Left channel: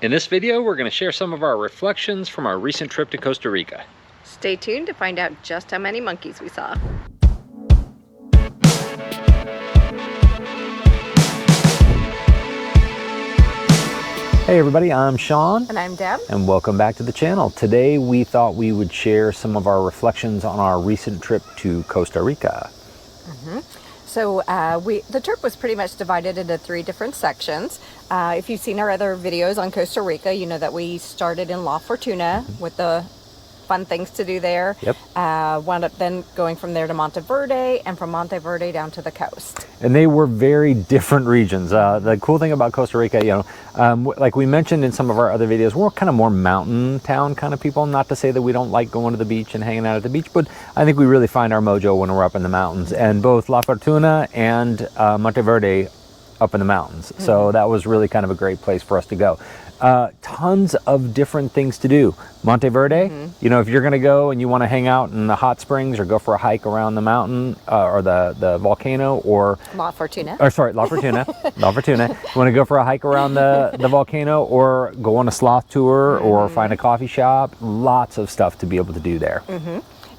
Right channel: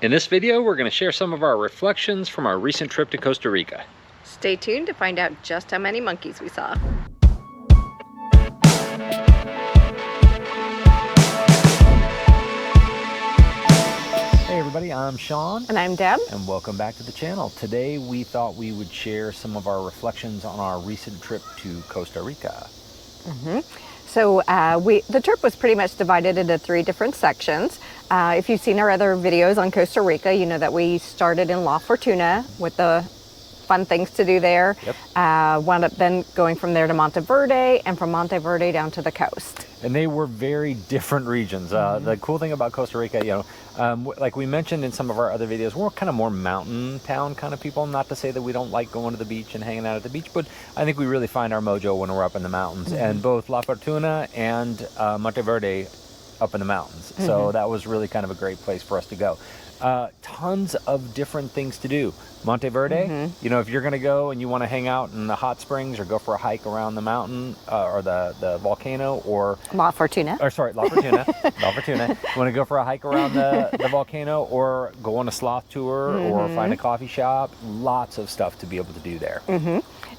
In this video, we're going to share some of our reflections from our recent trip to Costa Rica. Stay tuned to find out just how many monkeys we saw. Hey everybody, I'm Sean. And I'm Deb. And welcome back to the channel. Today we thought we would share some of our reflections on our recent trip to Costa Rica. So the trip was pretty much divided into 3 different sections. If you've seen our other videos on Costa Rica, you know that we started in La Fortuna with the fun things to do there. Yep. Wound up then going from there to Monteverde, and from Monteverde down to the coast. And they were very different regions. The cool thing about Costa Rica, you know, like we mentioned in some of our other videos, we're kind of more mountain town kind of people. Not to say that we don't like going to the beach and hanging out at the beach, but I think we really find our mojo when we're up in the mountains. And both La Fortuna and Monteverde up in the mountains. So that was really kind of a great place for us to go. Tons of different things to do. Monteverde, you know, if you're going to go and you want to hang out in the hot springs or go for a hike around the mountain or the volcano, or La Fortuna. Or sorry, La Fortuna. La Fortuna. You want to go for a hike around the volcano, or go on a sloth tour, or find a coffee shop. Lots of stuff to be able to do there.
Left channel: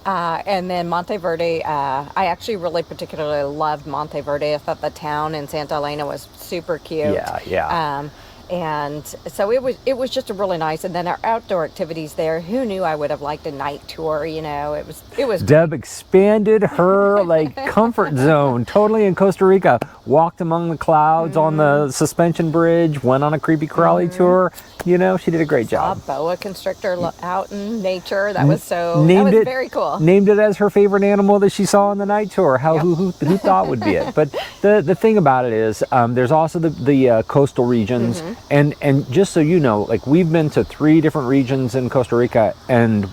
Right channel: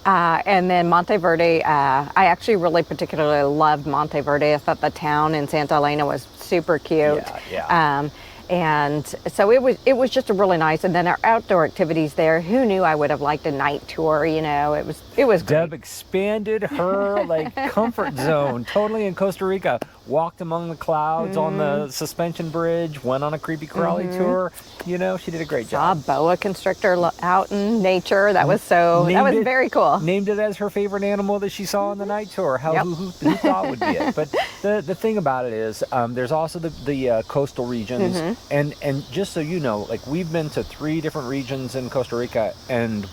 And then Monteverde, I actually really particularly loved Monteverde. I thought the town in Santa Elena was super cute. Yeah. And so it was just a really nice. And then our outdoor activities there. Who knew I would have liked a night tour? You know, it was. Deb expanded her comfort zone totally in Costa Rica. Walked among the clouds on the suspension bridge. Went on a creepy crawly tour. You know, she did a great job. Saw a boa constrictor out in nature. That was very cool. Named it as her favorite animal that she saw on the night tour. Who thought would be it? But the thing about it is, there's also the coastal regions. And just so you know, like, we've been to 3 different regions in Costa Rica, and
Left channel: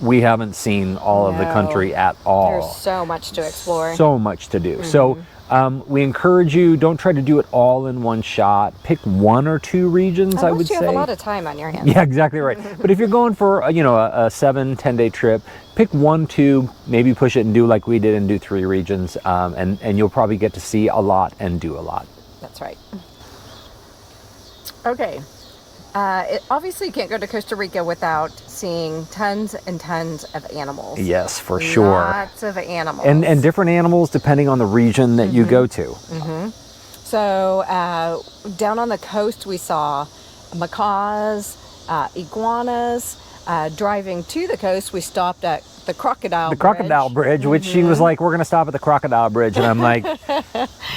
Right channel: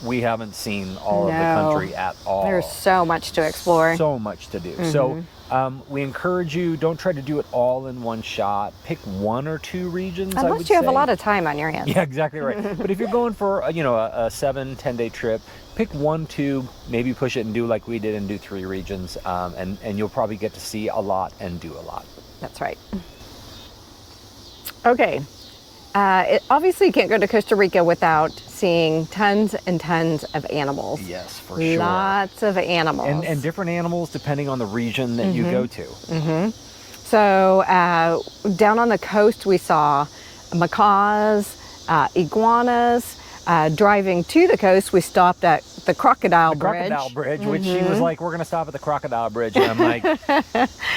we haven't seen all of the country at all. There's so much to explore. So much to do. So we encourage you, don't try to do it all in one shot. Pick 1 or 2 regions, I would say. Unless you have a lot of time on your hands. Yeah, exactly right. But if you're going for, a 7-10 day trip, pick 1, 2, maybe push it and do like we did and do 3 regions. And you'll probably get to see a lot and do a lot. That's right. Okay, obviously you can't go to Costa Rica without seeing tons and tons of animals. Yes, for sure. Lots of animals. And different animals depending on the region that you go to. So down on the coast we saw macaws, iguanas. Driving to the coast, we stopped at the Crocodile Bridge. Crocodile Bridge, which she was like, we're going to stop at the Crocodile Bridge. And I'm like,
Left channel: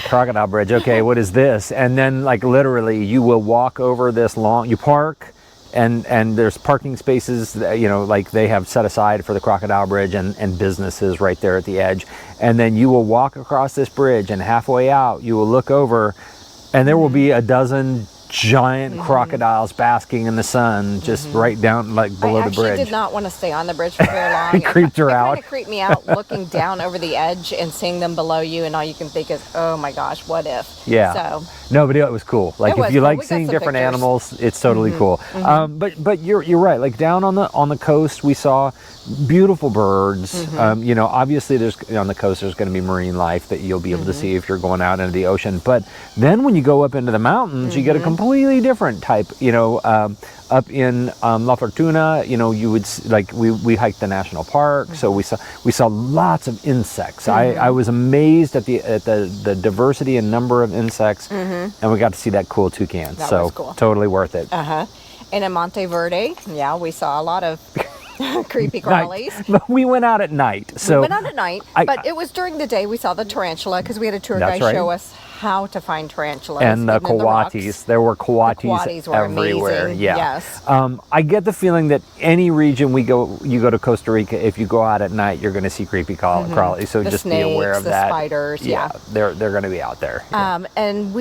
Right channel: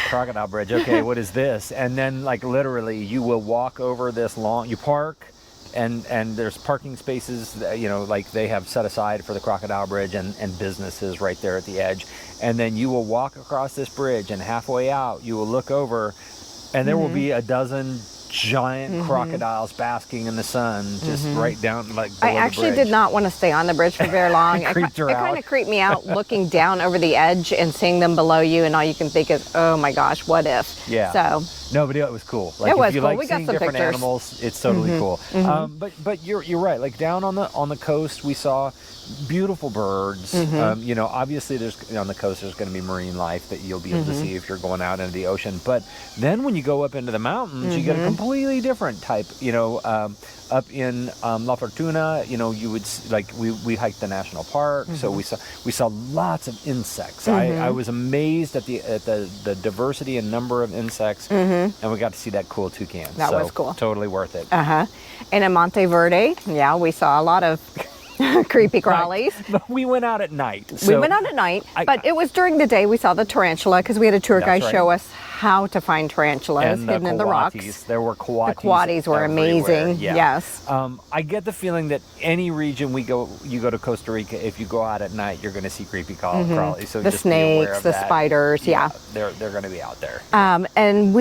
Crocodile Bridge, okay, what is this? And then, like, literally, you will walk over this you park, and there's parking spaces, that, you know, like they have set aside for the Crocodile Bridge, and businesses right there at the edge. And then you will walk across this bridge, and halfway out, you will look over, and there will be a dozen giant crocodiles basking in the sun, just right down, like, below the bridge. I actually did not want to stay on the bridge for very long. It creeped her out. It kind of creeped me out, looking down over the edge and seeing them below you, and all you can think is, oh my gosh, what if? Yeah. So no, but it was cool. Like, if you like seeing different pictures. animals, it's totally cool. But you're right. Like, down on the coast, we saw beautiful birds. You know, obviously on the coast there's going to be marine life that you'll be able to see if you're going out into the ocean. But then when you go up into the mountains, you get a completely different type. You know, up in La Fortuna, you know, you would like we hiked the national park, so we saw lots of insects. I was amazed at the diversity and number of insects, and we got to see that cool toucan. That so was cool. Totally worth it. And in Monteverde, yeah, we saw a lot of creepy crawlies. But we went out at night. We went out at night, but it was during the day we saw the tarantula, because we had a tour guide show us how to find tarantulas. And the coatis. There were coatis. The coatis were everywhere. amazing. Yeah. Yes. I get the feeling that any region you go to Costa Rica, if you go out at night, you're going to see creepy crawlies. So just snakes, be aware of the that. spiders. Yeah. They're going to be out there. And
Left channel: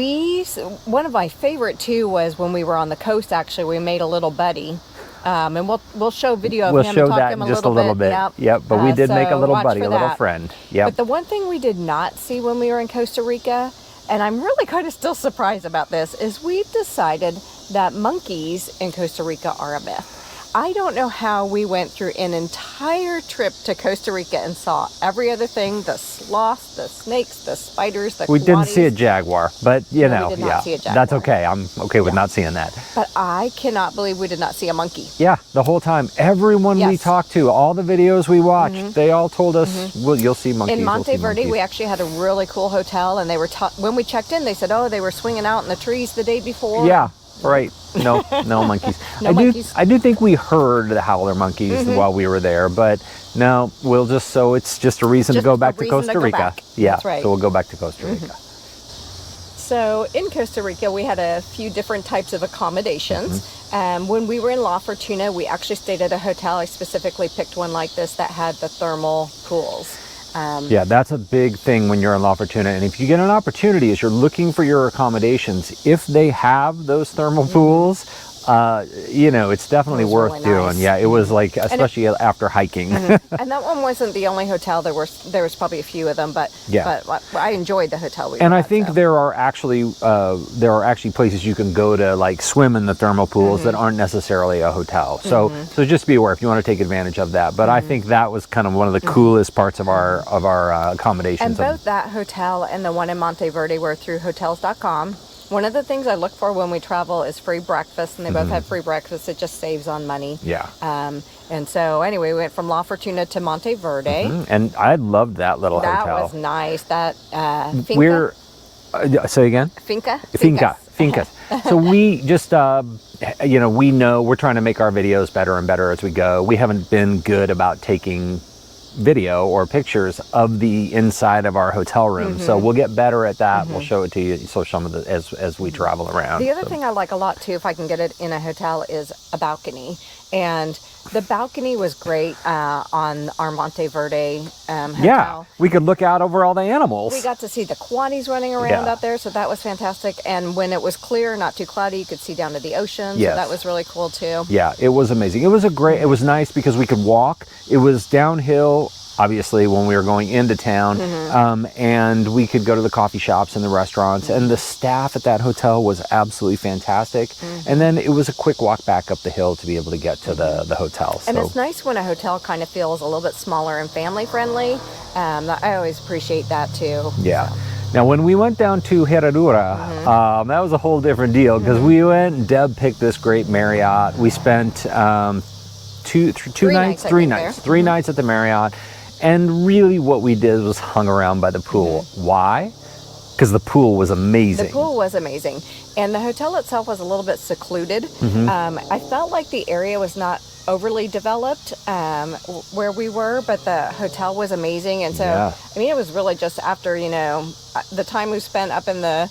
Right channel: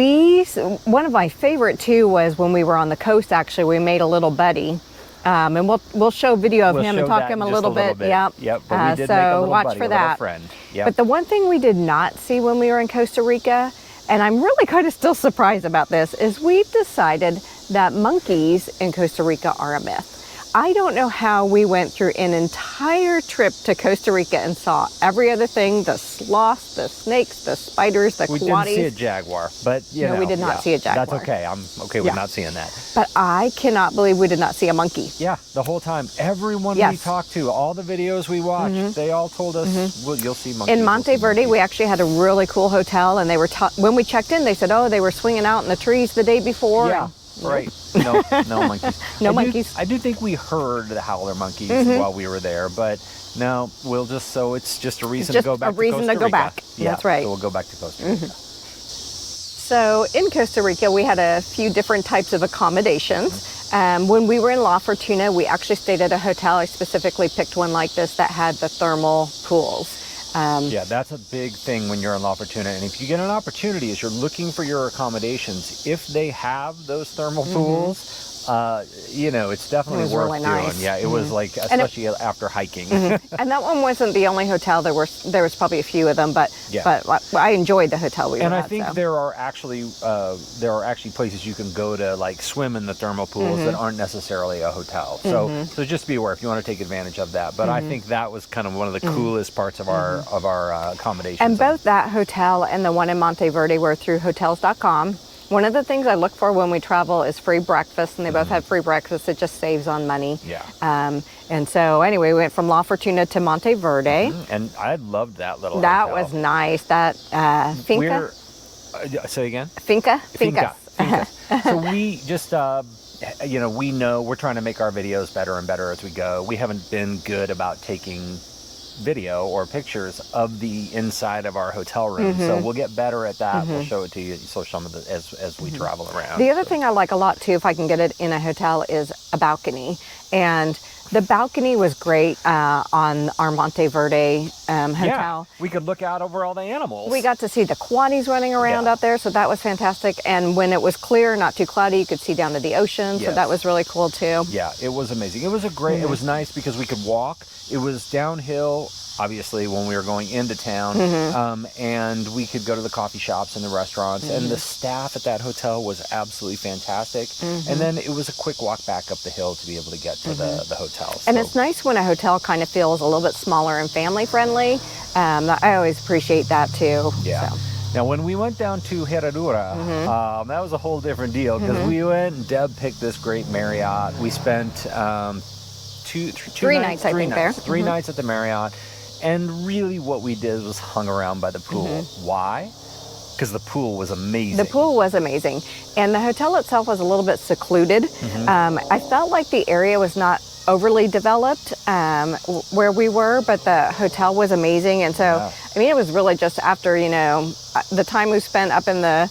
one of my favorite too was when we were on the coast. Actually, we made a little buddy. And we'll show video of him and talk him a little bit. Yep. But we did make a little buddy, a little friend. Yep. But the one thing we did not see when we were in Costa Rica, and I'm really kind of still surprised about this, is we've decided that monkeys in Costa Rica are a myth. I don't know how we went through an entire trip to Costa Rica and saw every other thing, the sloths, the snakes, the spiders, the We didn't see a coatis. jaguar, but No, we did not see a jaguar. That's okay. I'm okay with Yeah. not seeing that. But I cannot believe we did not see a monkey. Yeah, the whole time. Everyone we Yes. talked to, all the videos we watched, they all told us, well, you'll see monkeys. In you'll see Monteverde, monkeys." we actually had a really cool hotel, and they were when we checked in, they said, "Oh, they were swinging out in the trees the day before." Yeah, right. No, no monkeys. No monkeys. I do think we heard the howler monkeys while we were there, but no, it's just a reason to Just go a back to reason Costa to go Rica. back. Yeah, That's right. so we'll go back to Costa Rica. So in Costa Rica, we had a few different types of accommodations. When we were in La Fortuna, we actually stayed at a hotel. I specifically picked one like this that had the thermal pools. Yeah, that's a big thing when you're in La Fortuna. And if you get an opportunity, as you're looking for your accommodations, if they have those thermal pools, it's definitely It was worth really doing. nice. Yeah, it was like, especially after hiking. And that one wasn't the only hotel. There was probably a few of them, but I enjoyed the hotel we were And I at, think so. there are actually places you can go to like swim in the thermal pools that aren't necessarily a hotel. So just be aware if you want to take advantage of that. But I think that was kind of one of the coolest parts of our accommodations. And both that hotel and the one in Monteverde were through Hotels.com. One of the things I look for when we travel is free breakfast, and they both had free breakfast. It just saves on money. Yeah. And so anyway, we went from La Fortuna to Monteverde. And I loved that little That hotel. was nice. That finca. Say again? Finca. Finca. So we just, we know we're trying to make our videos better and better as we go. We haven't been good about taking video or pictures of the inside of our hotel room, so we'll get better at that. We'll show it to you, so some of the as we travel around. The other thing I like a lot too, if I can get it in a hotel, is a balcony. And the balcony was great on our Monteverde hotel. Yeah, we could look out over all the animals. We got to see the quaddies running around out there, so that was fantastic. And when it was clear, not too cloudy, you could see down to the ocean, so that was really cool too. Yeah, it was amazing. It was it was nice because we could walk. It was downhill, obviously, when we were going into town, and we could go to the coffee shops and the restaurants, and the staff at that hotel was absolutely fantastic. And then it was a quick walk back up the hill to be able to get to the hotel. And it's nice when a hotel kind of feels a little bit smaller and family friendly. I always appreciate that too. Yeah. So. Now, when we went down to Herradura, that was a whole different deal because we went and Deb picked this great Marriott. We spent three nights at the Marriott. And really what we did was hung around by the pool. Why? Because the pool was amazing. The pool was amazing. And the hotel itself was a little bit secluded. I felt like the area was not overly developed where we were, but the hotel was amazing. And so, I mean, it was really just after, the time we spent up in the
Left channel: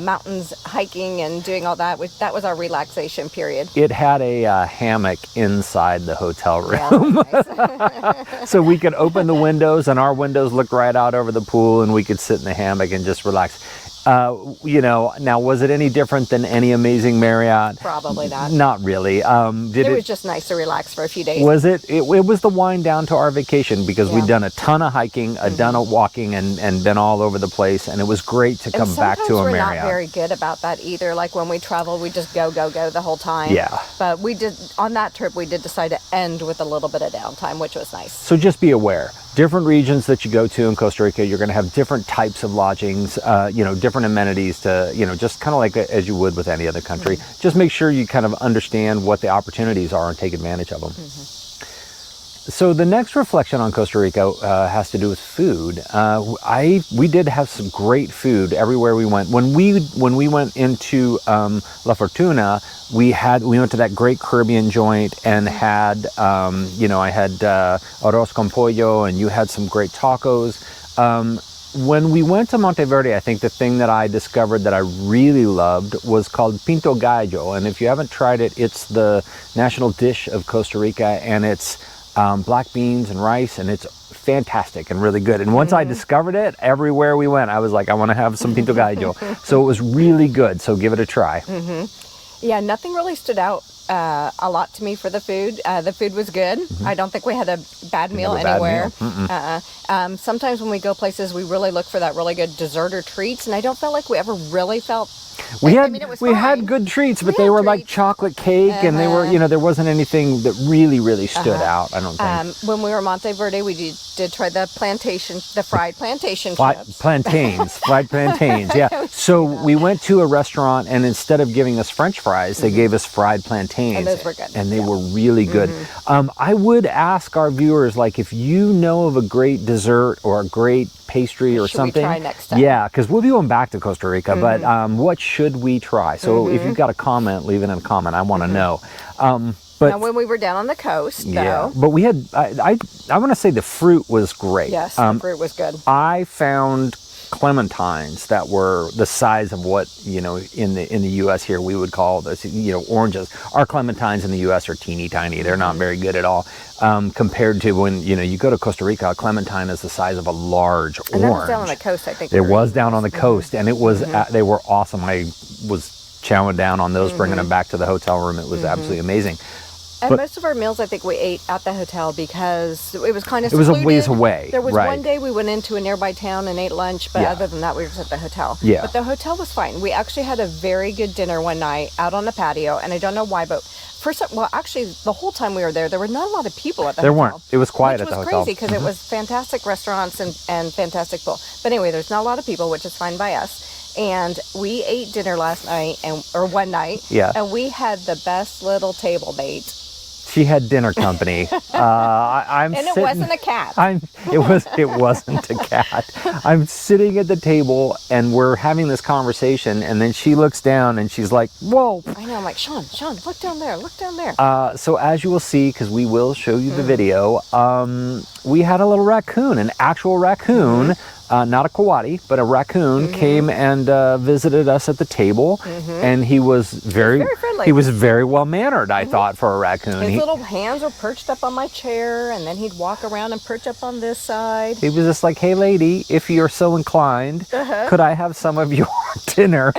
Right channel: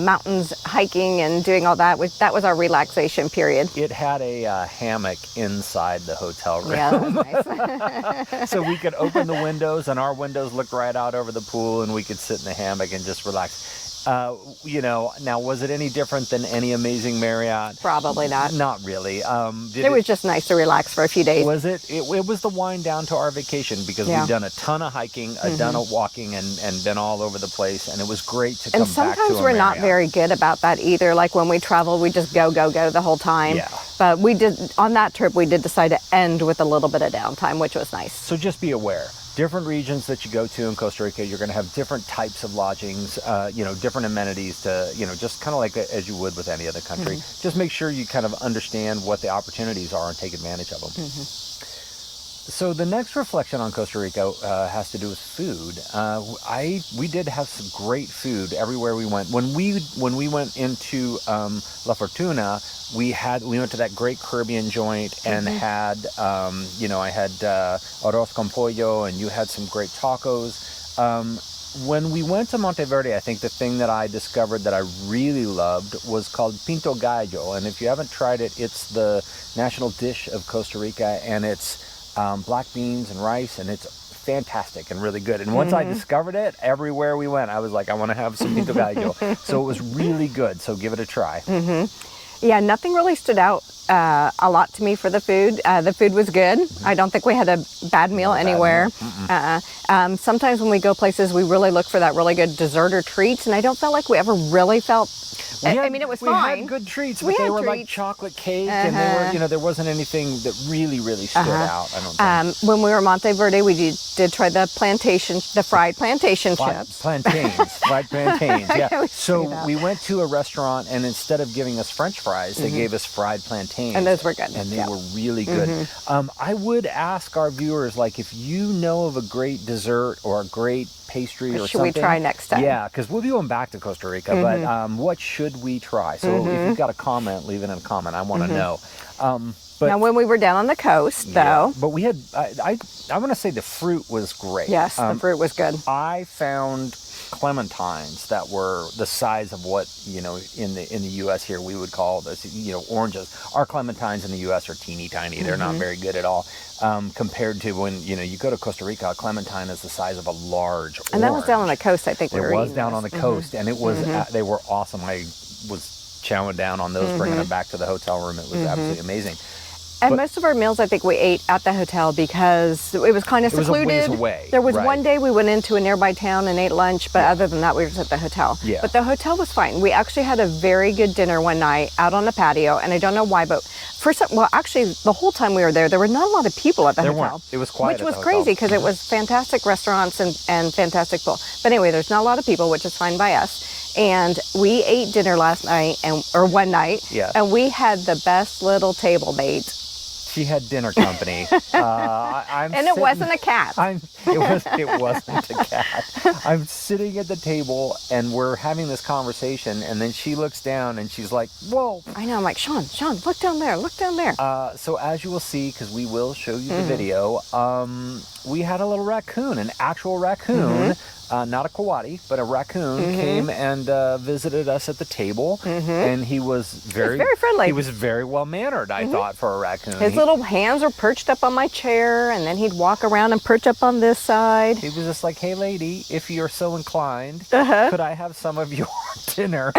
mountains hiking and doing all that, that was our relaxation period. It had a hammock inside the hotel room. Yeah, that was nice. So we could open the windows, and our windows looked right out over the pool, and we could sit in the hammock and just relax. Now, was it any different than any amazing Marriott? Probably not. Not really. It was just nice to relax for a few days. Was it? It was the wind down to our vacation because we'd done a ton of hiking, a ton of walking, and been all over the place, and it was great to come back to a Marriott. Sometimes we're not very good about that either. Like when we travel, we just go the whole time. Yeah. But on that trip, we did decide to end with a little bit of downtime, which was nice. So just be aware. Different regions that you go to in Costa Rica, you're going to have different types of lodgings, different amenities to, just kind of like as you would with any other country. Just make sure you kind of understand what the opportunities are and take advantage of them. So the next reflection on Costa Rica has to do with food. We did have some great food everywhere we went. When we went into La Fortuna, we went to that great Caribbean joint and had I had arroz con pollo, and you had some great tacos. When we went to Monteverde, I think the thing that I discovered that I really loved was called pinto gallo, and if you haven't tried it, it's the national dish of Costa Rica, and it's black beans and rice, and it's fantastic and really good. And once I discovered it, everywhere we went, I was like, I want to have some pinto gallo. So it was really good. So give it a try. Yeah, nothing really stood out a lot to me for the food. The food was good. I don't think we had a bad meal anywhere. Sometimes when we go places, we really look for that really good dessert or treats, and I don't feel like we ever really felt. We We had good treats, but they were like chocolate cake, and they were, there wasn't anything that really stood out, I don't think. When we were in Monteverde, we did try the fried plantation chips. Fried plantains, yeah. So we went to a restaurant, and instead of giving us French fries, they gave us fried plantains. And those were good. And they were really good. I would ask our viewers, like, if you know of a great dessert or a great pastry or something. Should we try next time? Yeah, because we'll be going back to Costa Rica, but what should we try? So if you've got a comment, leave it in a comment. I want to know. But now, when we were down on the coast, though. But we had, I want to say the fruit was great. Yes, the fruit was good. I found clementines that were the size of what, in the U.S. here we would call this, oranges. Our clementines in the U.S. are teeny tiny. They're not very good at all. Compared to when, you go to Costa Rica, a clementine is the size of a large orange. And that was down on the coast, I think. It was down on the coast, and it was, they were awesome. I was chowing down on those, bringing them back to the hotel room. It was absolutely amazing. And most of our meals, I think we ate at the hotel because it was kind of secluded. It was a ways away. There was one day we went into a nearby town and ate lunch, but other than that, we were just at the hotel. Yeah. But the hotel was fine. We actually had a very good dinner one night out on the patio, and I don't know why, but actually, the whole time we were there were not a lot of people at the hotel. There weren't. It was quiet at the hotel. Which was crazy because it was fantastic restaurants and fantastic food. But anyway, there's not a lot of people, which is fine by us. And we ate dinner last night, or one night, and we had the best little table mate. She had dinner company. It wasn't a cat. It wasn't a cat. I'm sitting at the table and we're having this conversation, and then she looks down and she's like, "Whoa!" I know. I'm like, Sean, look down there, look down there. So as you will see, because we will show you the video, we had a little raccoon, an actual raccoon. Not a coati, but a raccoon came and visited us at the table, and he was very friendly. He was very well mannered, I thought, for a raccoon. His little hands were perched up on my chair, and then he'd walk around and perch up on this side. He was just like, "Hey, lady, if you're so inclined, could I have some of your dinner?"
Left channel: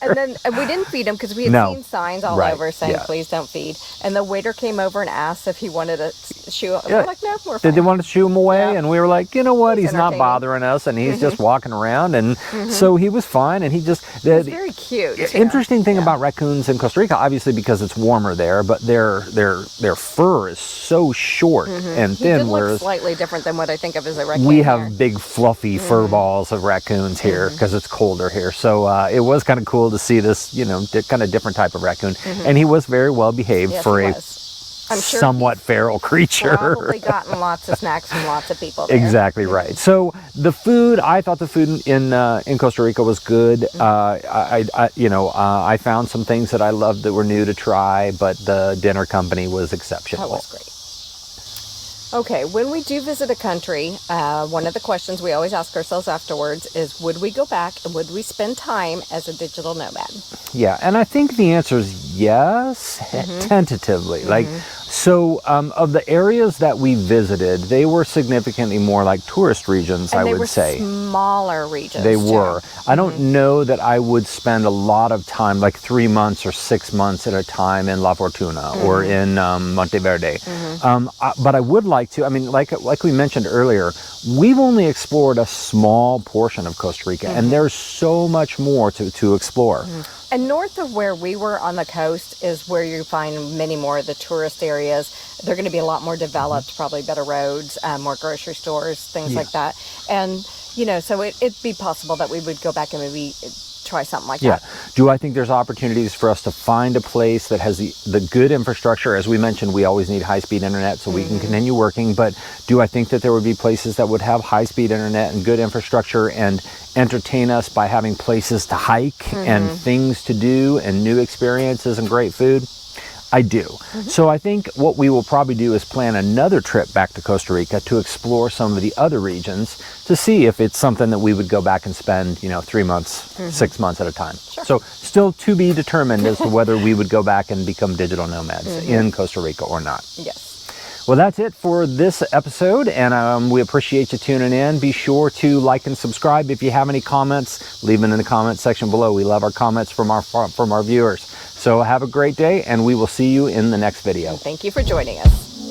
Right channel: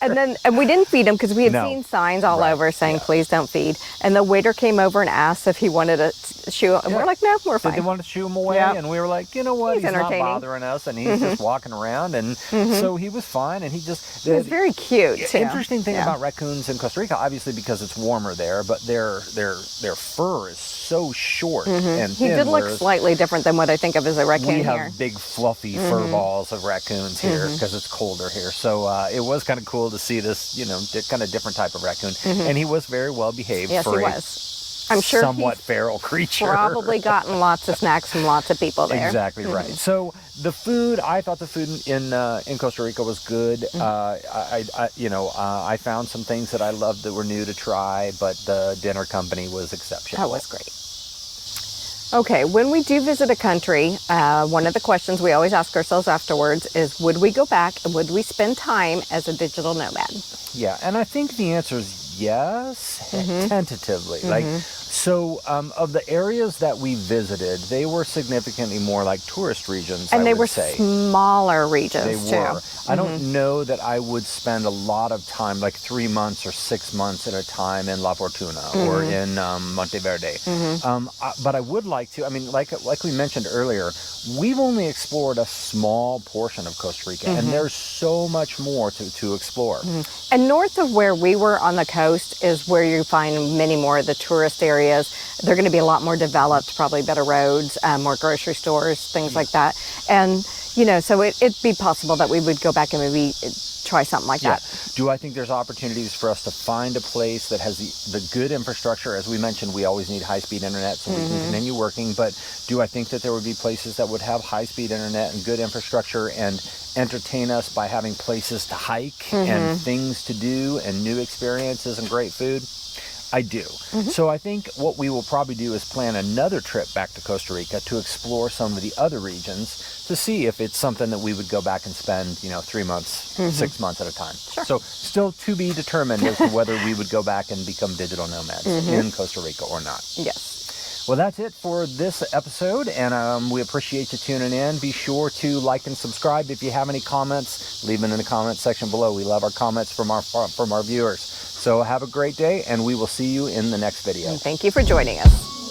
and we didn't feed him because we had seen signs all over saying, "Please don't feed." And the waiter came over and asked if he wanted to shoo. And we're like, "No, we're fine." Did they want to shoo him away? Yeah. And we were like, "You know what? He's not bothering us, and he's just walking around." And so he was fine, and he was very cute. The interesting thing about raccoons in Costa Rica, obviously because it's warmer there, but their fur is so short and thin. He did look slightly different than what I think of as a raccoon. We have big fluffy fur balls of raccoons here because it's colder here. So it was kind of cool to see this, kind of different type of raccoon, and he was very well behaved for a somewhat feral creature. Probably gotten lots of snacks from lots of people there. Exactly right. So the food, I thought the food in Costa Rica was good. I found some things that I loved that were new to try, but the dinner company was exceptional. That was great. Okay, when we do visit a country, one of the questions we always ask ourselves afterwards is, would we go back and would we spend time as a digital nomad? Yeah, and I think the answer is yes, tentatively. So of the areas that we visited, they were significantly more like tourist regions, I would say. And they were smaller regions, They were. I don't know that I would spend a lot of time, like 3 months or 6 months at a time in La Fortuna or in Monteverde. But I would like to, like we mentioned earlier, we've only explored a small portion of Costa Rica, and there's so much more to explore. And north of where we were on the coast is where you find many more of the tourist areas. They're going to be a lot more developed, probably better roads, more grocery stores, things like that. And, so it'd be possible that we would go back and maybe try something like that. Do I think there's opportunities for us to find a place that has the good infrastructure? As we mentioned, we always need high-speed internet so we can continue working. But do I think that there would be places that would have high-speed internet and good infrastructure and entertain us by having places to hike and things to do and new experiences and great food? I do. So I think what we will probably do is plan another trip back to Costa Rica to explore some of the other regions to see if it's something that we would go back and spend, 3 months, 6 months at a time. So still to be determined as to whether we would go back and become digital nomads in Costa Rica or not. Yes. Well, that's it for this episode, and we appreciate you tuning in. Be sure to like and subscribe. If you have any comments, leave them in the comment section below. We love our comments from our viewers. So have a great day, and we will see you in the next video. And thank you for joining us.